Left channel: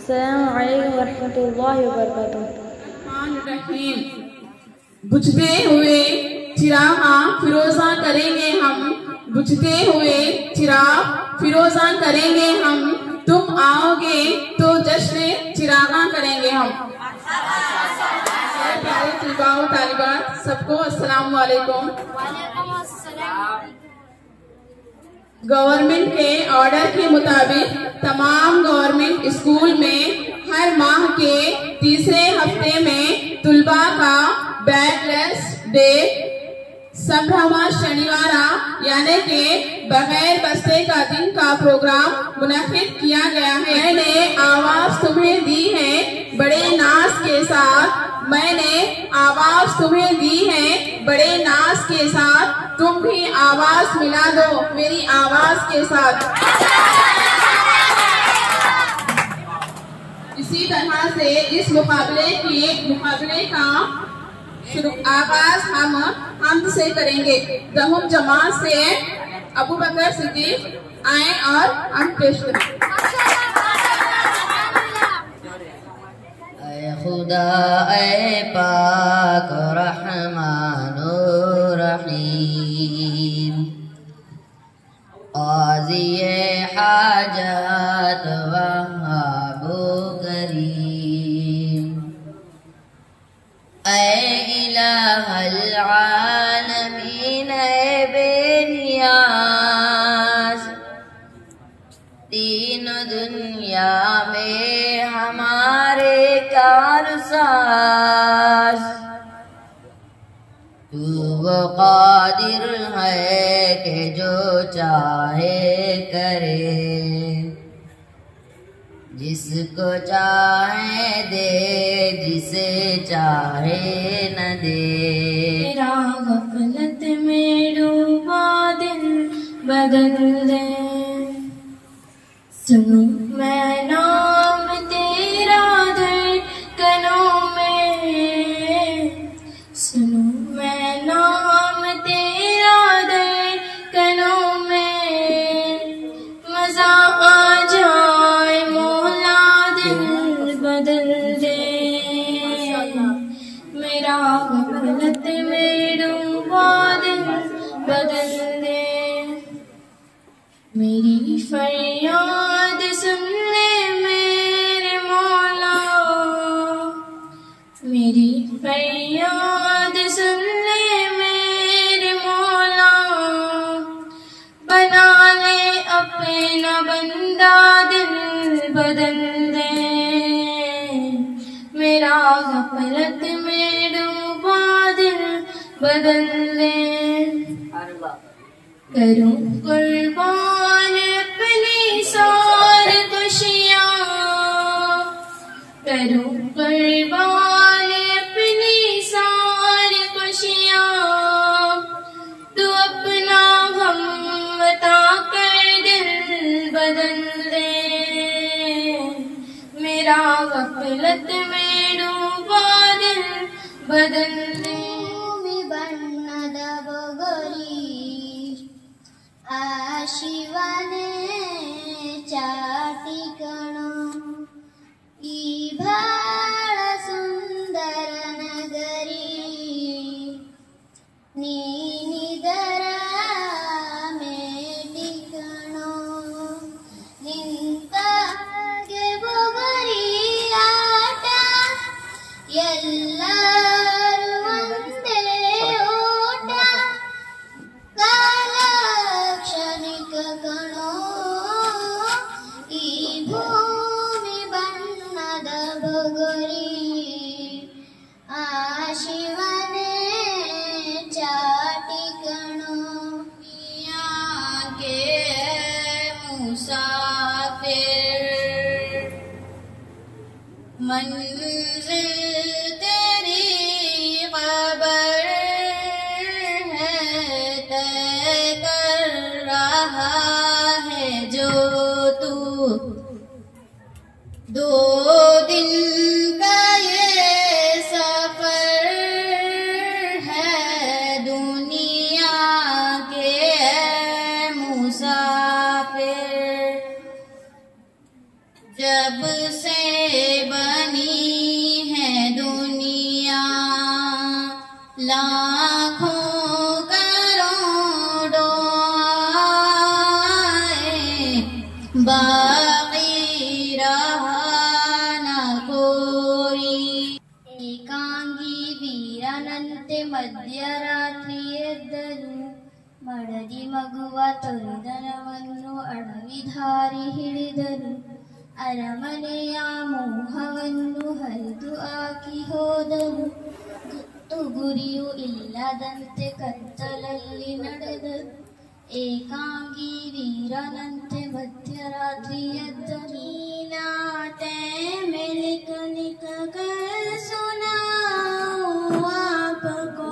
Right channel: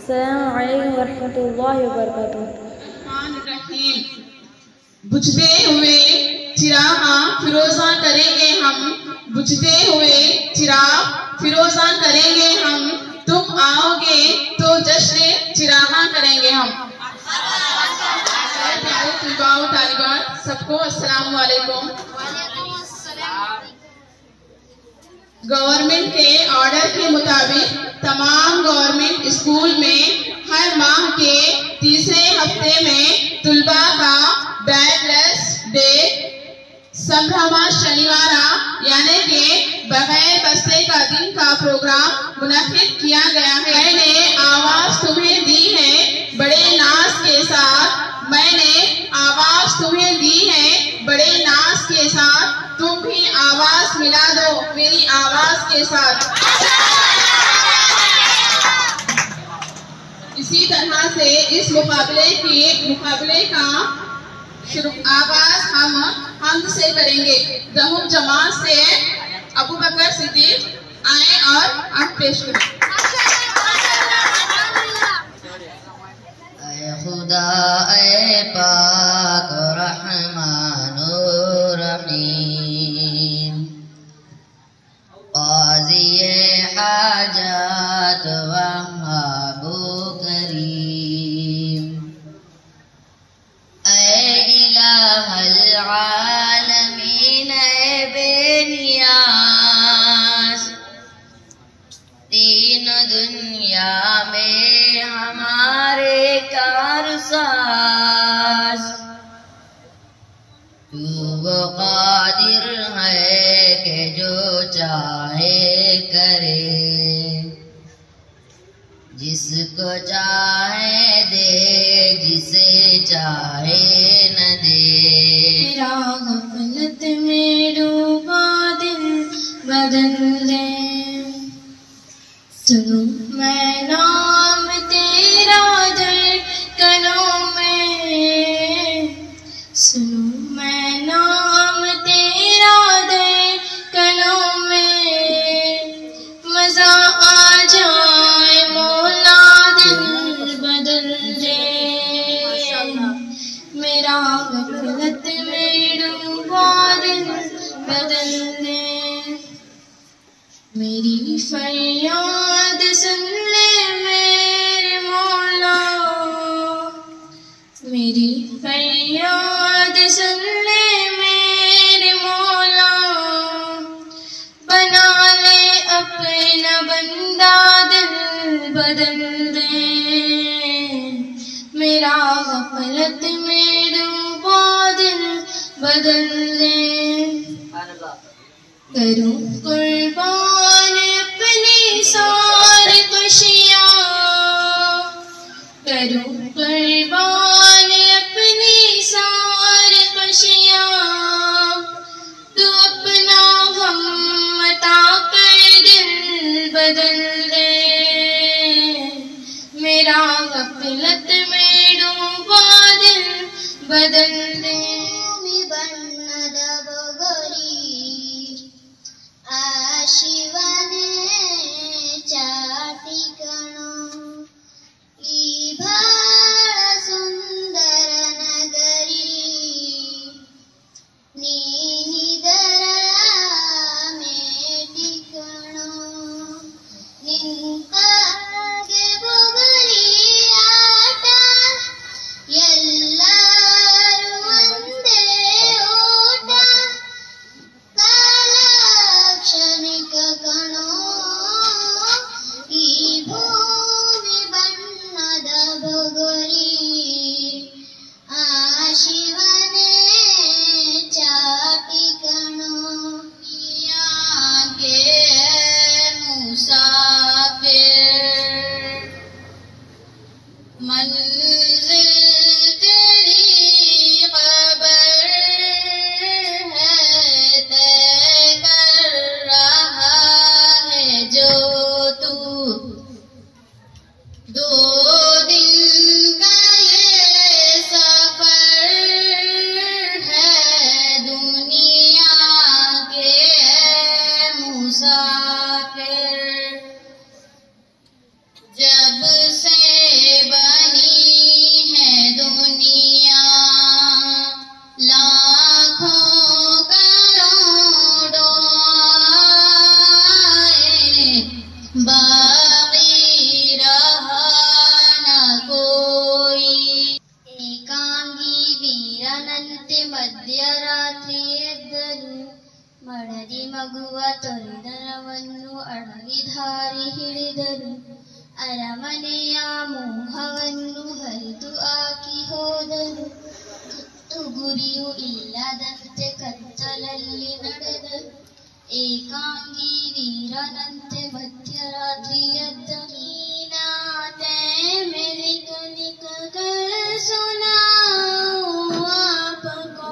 अस्सलामु अलैकुम वरहमतुल्लाहि वबरकातुहू। बुझते हुए चिराग फिरोजा करेंगे हम, बुझते हुए चिराग फिरोजा करेंगे हम, तुम आओगे तो जश्न चिरागा करेंगे हम। प्यारे तलबाओ तालिबात सबको अस्सलामु अलैकुम। गवर्नमेंट के ऑर्डर के मुताबिक तमाम गवर्नमेंट स्कूल में हर माह के तीसरे हफ्ते में तुलबा का बैकलेस डे संभ्रमा शनिवार यानी कि बगैर बस्ते का दिन का प्रोग्राम मुनक्किद किया गया है। मैंने आवाज तुम्हें दी है बड़े नाज के साथ, मैंने आवाज तुम्हें दी है बड़े नाज के साथ, तुम भी आवाज मिला दो मेरी आवाज के साथ। इसी तरह से इस मुकाबले का आगाज हम से करेंगे। दहुम जमात से अबू बकर सिद्दीक आए और हम पेश करें। ऐ खुदा ऐ पाक रहमानो रहीम, क़ाज़िए हाजात वहाबो करीम, ऐ इलाहल आलमीन ऐ बेनियाज, तीन दुनिया में हमारे कारसाज, तू वो कादिर है कि जो चाहे करे, जिसको चाहे दे जिसे चाहे न दे। तेरा गफलत में डूबा दिल बदल दे, सुनो मैं नाम तेरा धड़कनों में, सुनो मैं नाम तेरा धड़कनों में, मजा आ जाए मौला दिल बदल दे, मेरा गफलत में डूबा दिल बदल दे। मेरी फरियाद सुन ले मेरे मौला, मेरी फरियाद सुन ले मेरे मौला, बना ले अपना बंदा दिल बदल दे, मेरा गफलत में डूबा दिल बदल दे। करूं कुर्बान अपनी सारी खुशियाँ, करूं कुर्बान अपनी सारी खुशियाँ, तू अपना गम बता कर दिल बदल दे, मेरा गफलत में डूबा दिल बदल दे। ಶಿವನೇ ಚಾಟಿಕಣೋ ಈ ಬಾಳ ಸುಂದರ ನಗರಿ, ನೀನಿದರ ಮೇಟಿಕಣೋ ನಿಂತಾಗೆ ಬೊಗರಿ ಆಟ, ಎಲ್ಲರೂ ಒಂದೇ ಓಟ, ಕ್ಷಣಿಕ ಕಣೋ ಈ ಭೂಮಿ ಬಣ್ಣದ ಬೊಗರಿ, ಆ ಶಿವನೇ ಚಾಟಿ ಕಣೋ ಯಾಕೆ ಮುಸಾಫಿರ್, मंजिल तेरी खबर है तय कर रहा है जो तू, दो दिन का ये सफर है दुनिया के मुसाफिर, जब से ಮಡದಿ ಮಗುವ ತೊರೆದರವನ್ನು ಅಡವಿಧಾರಿ ಹಿಡಿದರು. ಅರಮನೆಯ ಮೋಹವನ್ನು ಹರಿದು ಹಾಕಿ ಹೋದರು. ಗುರಿಯೂ ಇಲ್ಲದಂತೆ ಕತ್ತಲಲ್ಲಿ ನಡೆದರು. ಏಕಾಂಗಿ ವೀರನಂತೆ ಮಧ್ಯರಾತ್ರಿ ಎದ್ದ. ನೀನಾತೆ ಮೆಲಿಕ ನಿಕ ಸುನಾओ आपको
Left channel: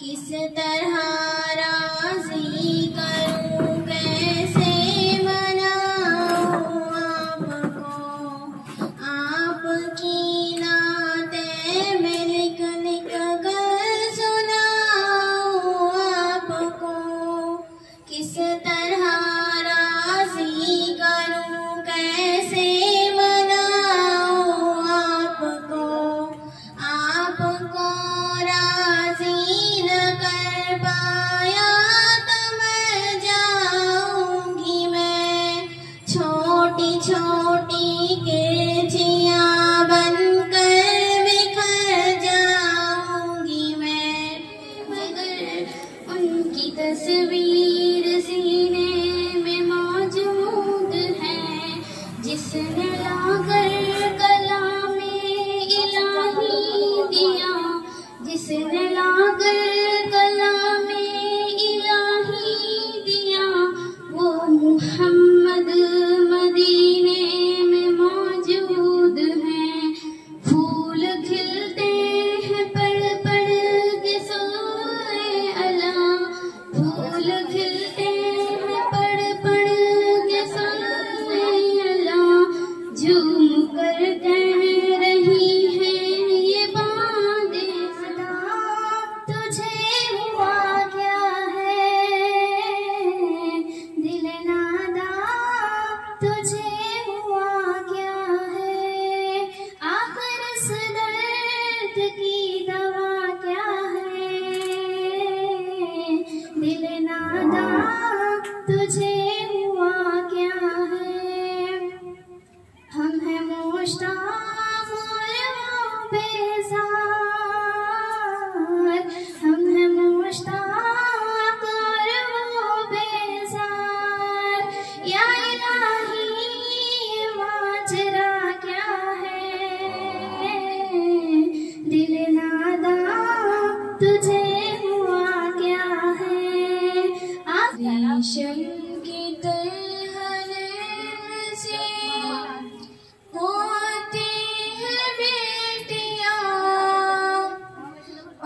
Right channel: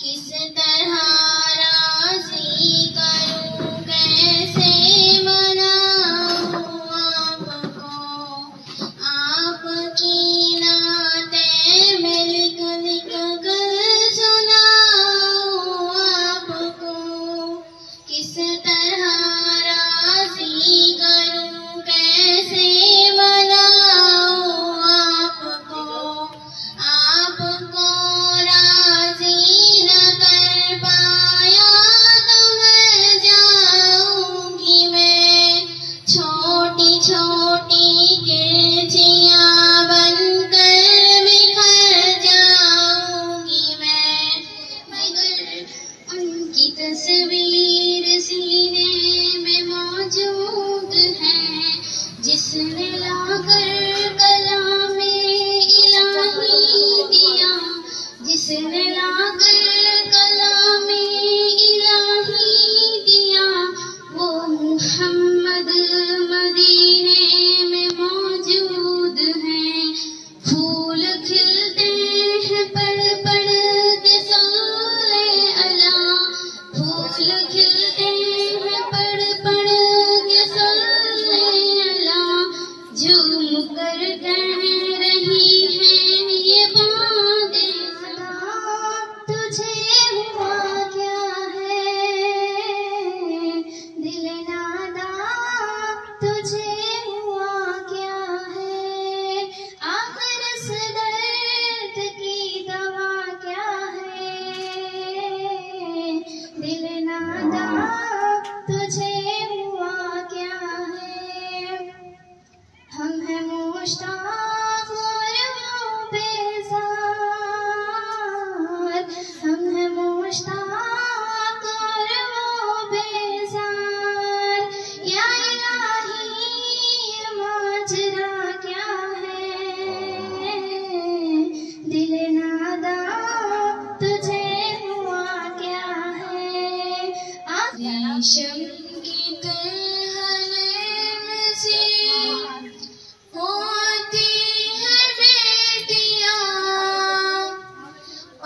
किस तरह राजी करूं कैसे मनाऊं आपको आपकी नाते मिलक लिख कर सुनाऊं आपको किस तरह राजी करूं कैसे मनाऊं आपको आपको राजी न कर पाया तो मर जाऊंगी मैं। छोटी छोटी गिरजियां बनकर बिखर जाऊंगी मैं। मगर उनकी तस्वीर सीने में मौजूद है जिसने लाकर कलामे इलाही दिया। जिसने लाकर कलामे इलाही दिया वो मुहम्मद मदीने में मौजूद है। फूल खिलते हैं पड़ पड़ के सोए अला। फूल खिलते हैं पड़ पड़ के सोए अला। झूम कर कह रही है ये बातें सदा। तुझे हुआ क्या है दिल नादा, तुझे हुआ क्या है। आखिर इस दर्द की दवा क्या है दिल नादा, तुझे हुआ क्या है। हम हैं मुश्ताक और वो बेजार। हम हैं मुश्ताक और वो बेजार। या इलाही ये माजरा क्या है दिल नादा, तुझे हुआ क्या है। रेशम की तरह नैन से होती है बेटियां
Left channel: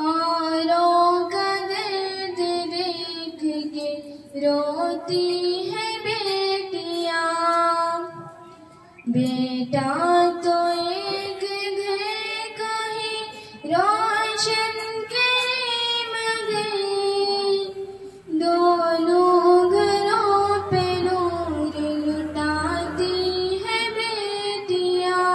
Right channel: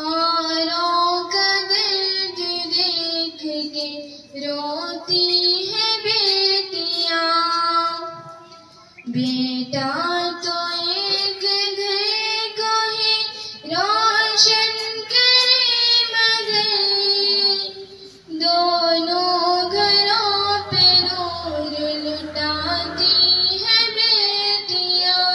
औरों का दर्द देख के रोती है बेटियां। बेटा तो एक घर को ही रोशन करे मगर दोनों घरों पे नूर लुटाती है बेटियां।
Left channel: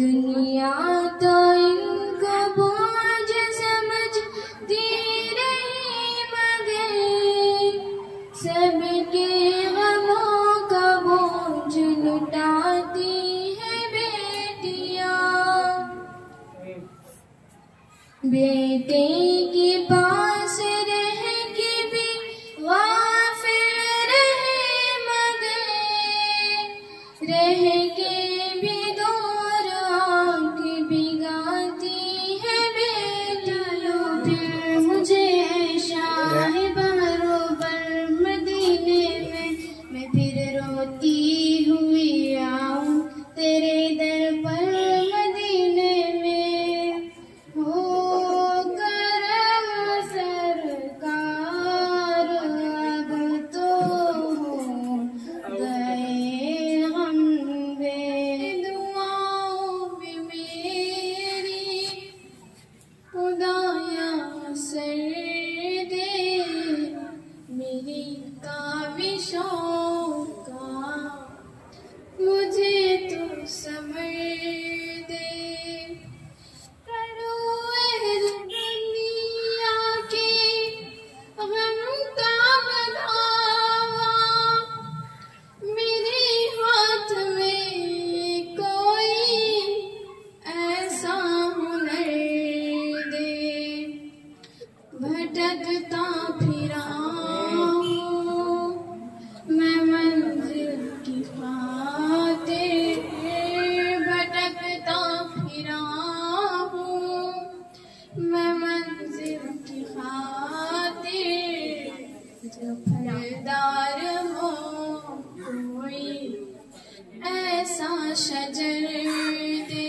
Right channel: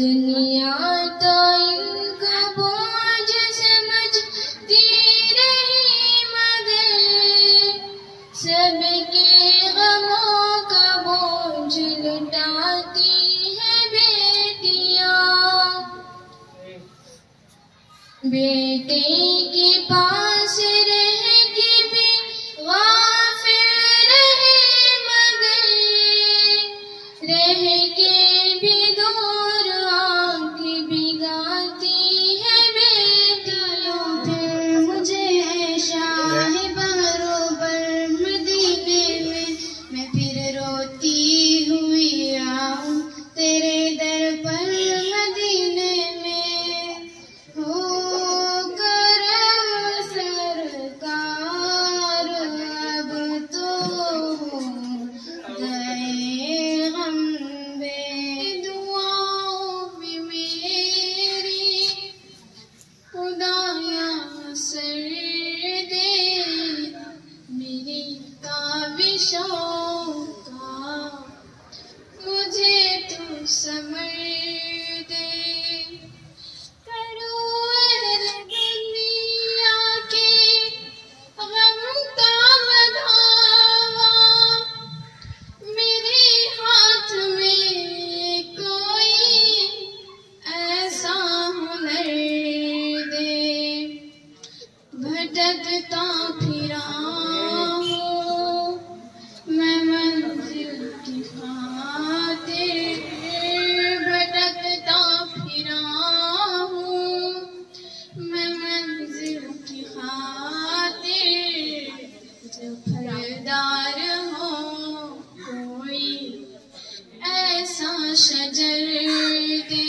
दुनिया तो इनको बोझ समझती रही मगर सबके गमों का बोझ लुटाती है बेटियां। बेटे के पास रह के भी गाफिल रहे मगर रह के भी दूर आंख भिगाती है बेटियां। फिर मुझे शाह बरोबर मदीने में मैं फिर रोती हुई आऊं तेरे दर पर मदीने में। हो करम सरकार अब तो हो गए हम बेदुआओं भी मेरी खुदाया सर दे मेरी काविशों का। मुझे तू समझ दे करो दुनिया के गम का मदावा। मेरे हाथ में कोई ऐसा हुनर दे भटकता शजर दे,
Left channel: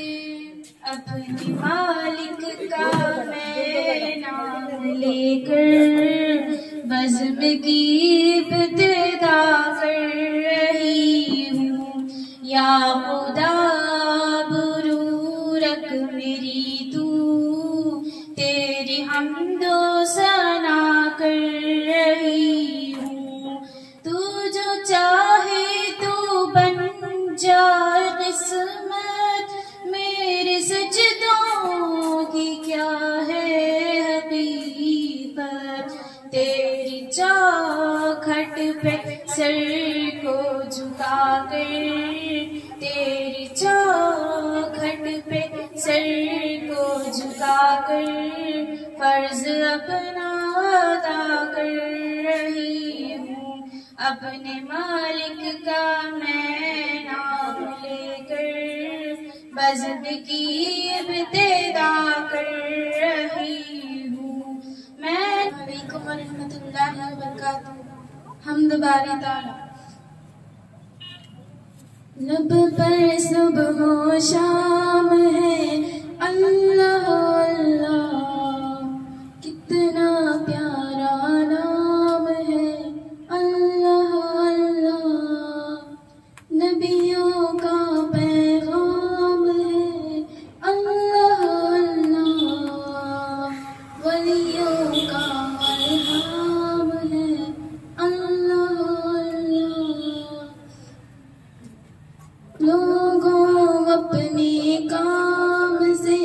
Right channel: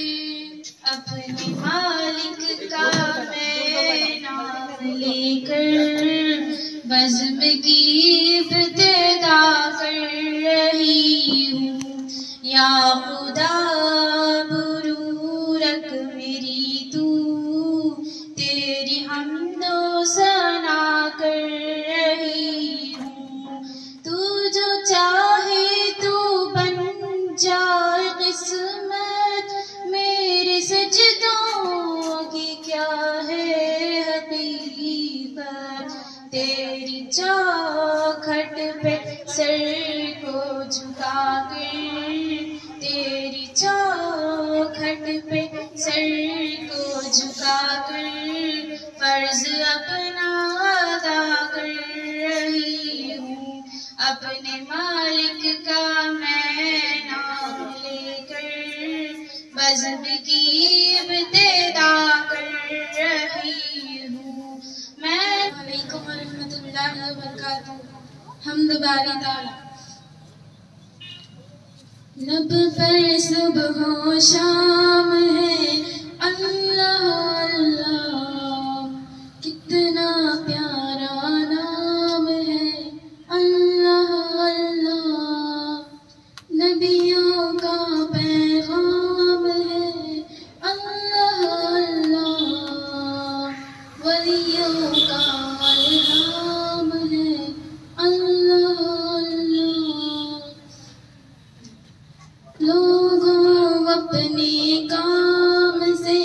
अपने मालिक का मैं नाम लेकर बज़्म की इब्तिदा कर रही हूँ। या खुदा बुरूरक मेरी तू, तेरी हमदो सना कर रही हूँ। तू जो चाहे तू बन जाए किस्मत, मेरे सजदों की क्या है हकीकत। तेरी चौखट पे सर को झुका कर, तेरी चौखट पे सर को झुका कर फर्ज अपना अदा कर रही हूँ। अपने मालिक का मैं नाम लेकर बज़्म की इब्तिदा कर रही हूँ। मैं वालेकुम रहमतुल्लाहि व बरकातुहू। हम्द बारी ताला। लब पर सुबह हो शाम है अल्लाह अल्लाह, कितना प्यारा नाम है अल्लाह अल्लाह। नबियों का पैगाम है अल्लाह अल्लाह, वलियों का इल्हाम है अल्लाह अल्लाह। लोगों अपने काम से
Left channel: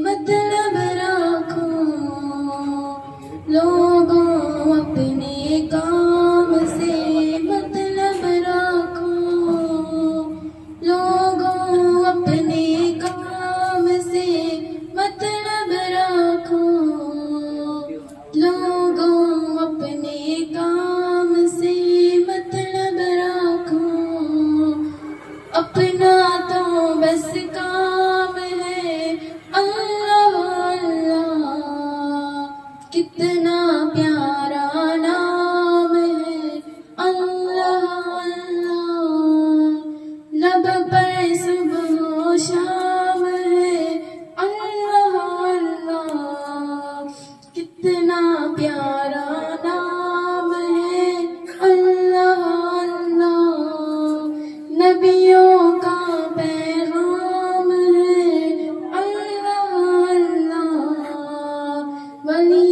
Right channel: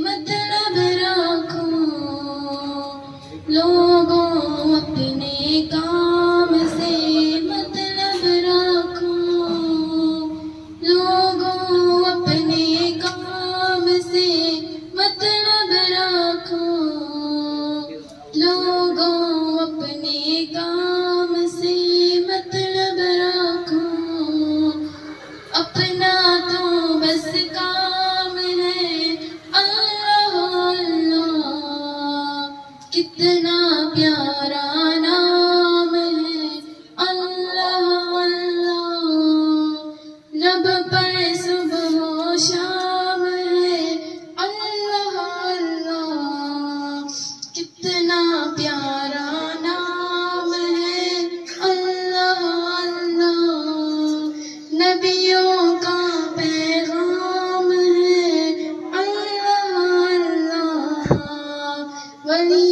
मतलब रखो, लोगों अपने काम से मतलब रखो, लोगों अपने काम से मतलब रखो, लोगों अपने काम से मतलब रखो। अपना तो बस काम है अल्लाह अल्लाह, कितना प्यारा नाम है अल्लाह अल्लाह। लब पर सुबह शाम है अल्लाह अल्लाह, कितना प्यारा नाम है अल्लाह अल्लाह। नबियों का पैगाम है अल्लाह अल्लाह, वली